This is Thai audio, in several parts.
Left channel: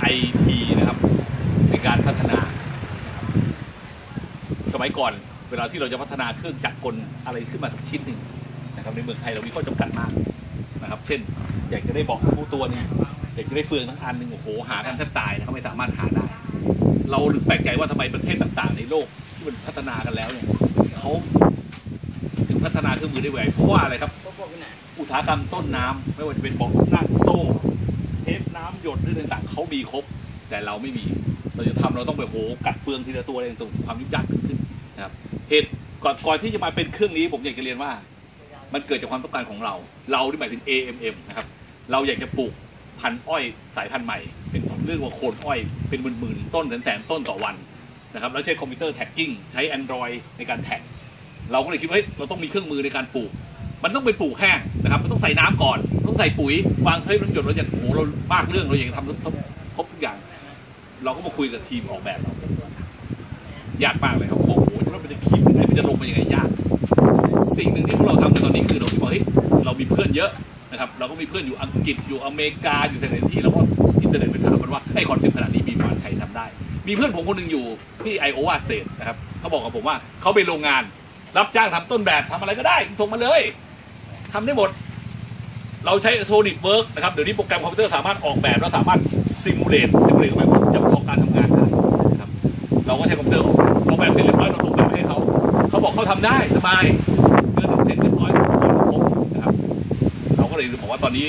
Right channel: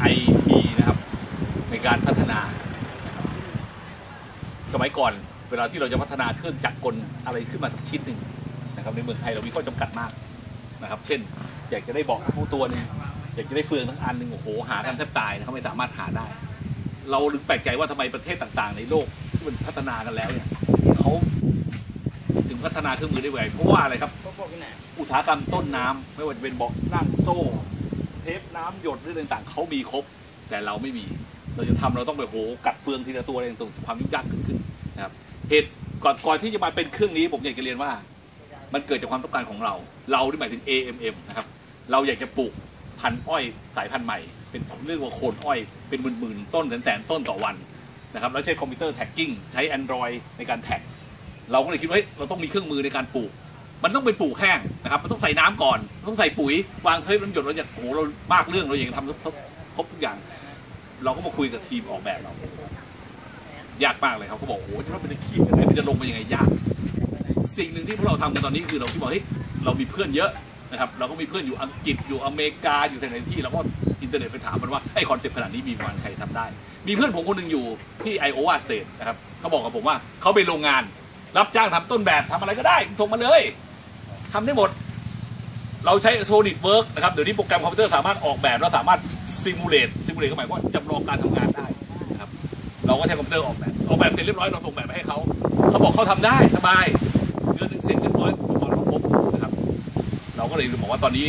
ไอทีนะครับในการพัฒนานะครับสมัยก่อนเวลาที่เราจะพัฒนาเครื่องจักรกลอะไรขึ้นมาสักชิ้นหนึ่งนะครับในเมืองไทยเรามีข้อจำกัดมากนะครับ เช่น อยากจะได้บอกผู้ตัวหนึงอยากจะได้เฟืองทั้งอันหนึ่งโอ้โหหากันแทบตายนะครับไม่สามารถหาได้ เราหรือแปลกใจว่าทำไมประเทศต่างๆ ในโลกที่มันพัฒนากันแล้วเนี่ยเขาถึงพัฒนาเครื่องมือได้ไวเพราะว่าอะไรครับอุตสาหกรรมต้นน้ำไม่ว่าจะเป็นเบอกนั่งโซ่ เทปน้ำหยดหรือต่างๆเขามีครบ แต่เราไม่มี เราจะทำเราต้องแบบโหกัดเฟืองทีละตัวอะไรต่างๆความยุ่งยากขึ้นขึ้นนะครับเหตุก่อนก่อนที่จะมาเป็นเครื่องนี้ผมอยากจะเรียนว่า มันเกิดจากความต้องการของเรา เราที่หมายถึง AMM นะครับเราอยากจะปลูกพันอ้อยสายพันธุ์ใหม่ เป็นเรียกว่าโคนอ้อยเป็นหมื่นๆต้นแสนๆต้นต่อวันนะครับแล้วใช้คอมพิวเตอร์แท็กกิ้งใช้ Android ในการแท็กเราก็เลยคิดว่าเฮ้ยเราต้องมีเครื่องมือในการปลูก มันต้องเป็นปลูกแห้งนะครับ มันต้องใส่น้ำก่อน ต้องใส่ปุ๋ยวางเฮ้ยน้ำหยดเราจะโอ้โหเรามากเรื่องเราอย่ากจะทำครบครบทุกอย่าง เราก็มาคุยกับทีมออกแบบเรายากมากเลยครับเขาบอกโอ้โหจะต้องเป็นคิดยังไงมันจะลงมายังไงยาก สิ่งหนึ่งที่พวกเราทำกันตอนนี้คือเราคิดว่าเฮ้ยเรามีเพื่อนเยอะนะครับ เราก็มีเพื่อนอยู่อังกฤษอยู่อเมริกาอยู่หลายๆที่เราก็อินเทอร์เน็ตไปถามมันว่าไอ้คอนเซ็ปต์ขนาดนี้มีมาณใครทำได้ มีเพื่อนผมคนหนึ่งอยู่ที่ไอโอวาสเตทนะครับเขาบอกกับผมว่าเขาไปโรงงานรับจ้างทำต้นแบบทำอะไรก็ได้ส่งมาเลย ทำได้หมด เราใช้ Solid Work นะครับ เดี๋ยวนี้โปรแกรมคอมพิวเตอร์สามารถออกแบบแล้วสามารถซิมูเลตซิมูเลตก็หมายความว่าจำลองการทำงานได้นะครับ เราก็ใช้คอมพิวเตอร์ออกออกแบบเสร็จเรียบร้อยเราส่งแบบไปให้เขา เขาบอกเขาทำได้สบายเดือนหนึ่งเสร็จเรียบร้อยก่อนครบนะครับ เราก็เลยบอกว่าตอนนี้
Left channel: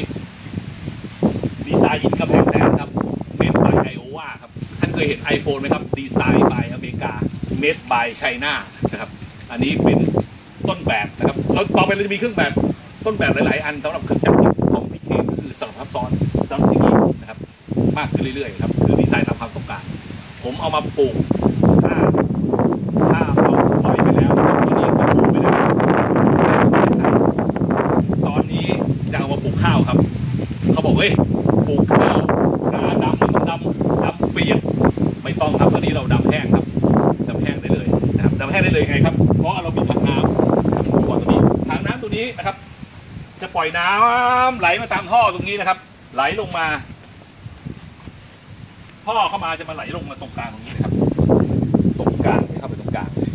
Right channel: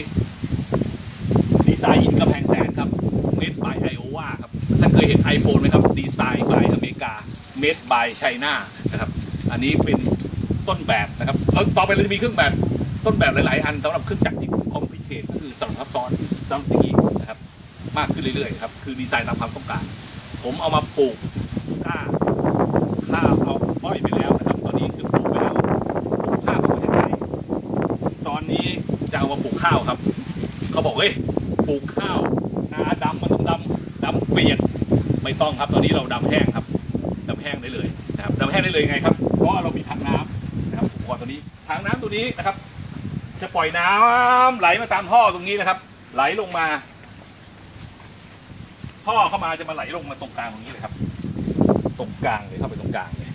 ดีไซน์อินกำแพงแสนครับเมดบายไอโอวาครับท่านเคยเห็น iPhone ไหมครับดีไซน์บายอเมริกาเมดบายไชน่านะครับ อันนี้เป็นต้นแบบนะครับแล้วต่อไปเราจะมีเครื่องแบบ ต้นแบบหลาย ๆ อันสำหรับเครื่องจักรที่คอมพิเคก็คือสลับซับซ้อนสำหรับอย่างนี้นะครับ มากขึ้นเรื่อย ๆ ครับ คือดีไซน์ตามความต้องการ ผมเอามาปลูกถ้าถ้าเอาอ้อยไปแล้วนะครับตอนนี้ก็ปลูกไปแล้วข้าวในประเทศไทยตอนนี้จะเอามาปลูกข้าวครับ เขาบอกเฮ้ยปลูกข้าวนาดำมันต้องดำดำเปียกไม่ต้องครับตอนนี้เราดำแห้งครับดำแห้งได้เลยนะครับดำแห้งได้เลยยังไงครับเพราะเรามีถังน้ำครับก่อนตัวนี้ถังน้ำตัวนี้นะครับ จะปล่อยน้ำไหลมาตามท่อตรงนี้นะครับ ไหลลงมา ท่อเข้ามาจะมาไหลลงมาตรงกลางตรงนี้เลยครับ ตรงกลางเลยเข้าไปตรงกลางเลย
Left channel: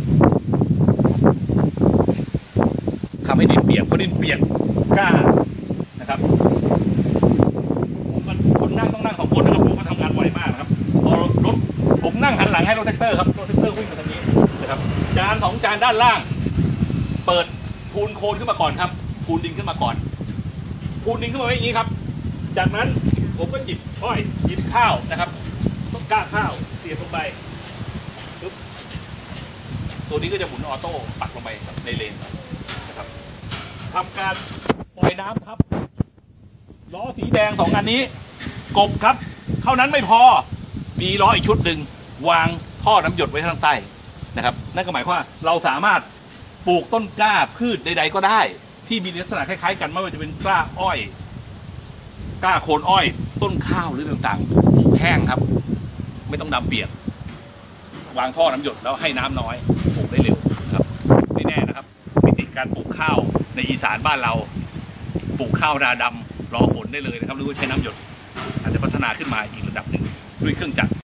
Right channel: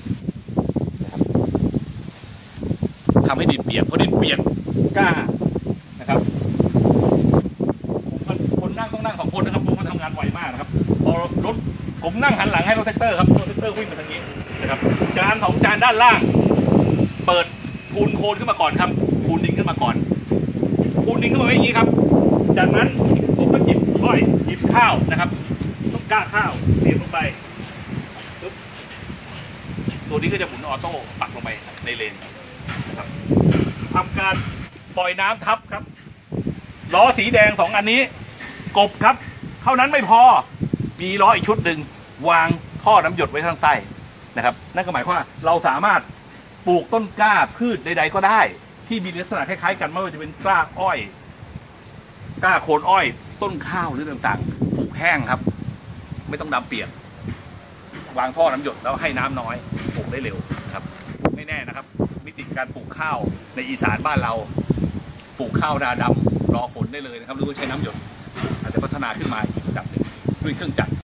ทำให้ดินเปียกเพราะดินเปียกกล้านะครับผมก็คนนั่งต้องนั่งสองคนนะครับผมก็ทำงานไวมากนะครับพอรถผมนั่งหันหลังให้รถแท็กเตอร์ครับรถแท็กเตอร์วิ่งมาทางนี้นะครับ จานสองจานด้านล่าง เปิดพูนโคนขึ้นมาก่อนครับ พูนดินขึ้นมาก่อนพูนดินขึ้นมาไว้อย่างนี้ครับ จากนั้นผมก็หยิบอ้อยหยิบข้าวนะครับ ต้องกล้าข้าวเสียบลงไปปึ๊บตัวนี้ก็จะหมุนออโต้ปักลงไปในเลนนะครับทำการปล่อยน้ำทับครับล้อสีแดงสองอันนี้ กบครับ เท่านั้นไม่พอมีล้ออีกชุดหนึ่งวางท่อน้ำหยดไว้ข้างใต้นะครับ นั่นก็หมายความว่าเราสามารถปลูกต้นกล้าพืชใดๆก็ได้ ที่มีลักษณะคล้ายๆกันไม่ว่าจะเป็นกล้าอ้อยกล้าโคนอ้อย ต้นข้าวหรือต่างๆปลูกแห้งครับ ไม่ต้องดำเปียกวางท่อน้ำหยดแล้วให้น้ำน้อยปลูกได้เร็วนะครับ ไม่แน่นะครับมิติการปลูกข้าวในอีสานบ้านเรา ปลูกข้าวนาดำรอฝนได้เลยนะครับหรือว่าใช้น้ำหยด อาจจะพัฒนาขึ้นมาอีกระดับหนึ่งด้วยเครื่องจักร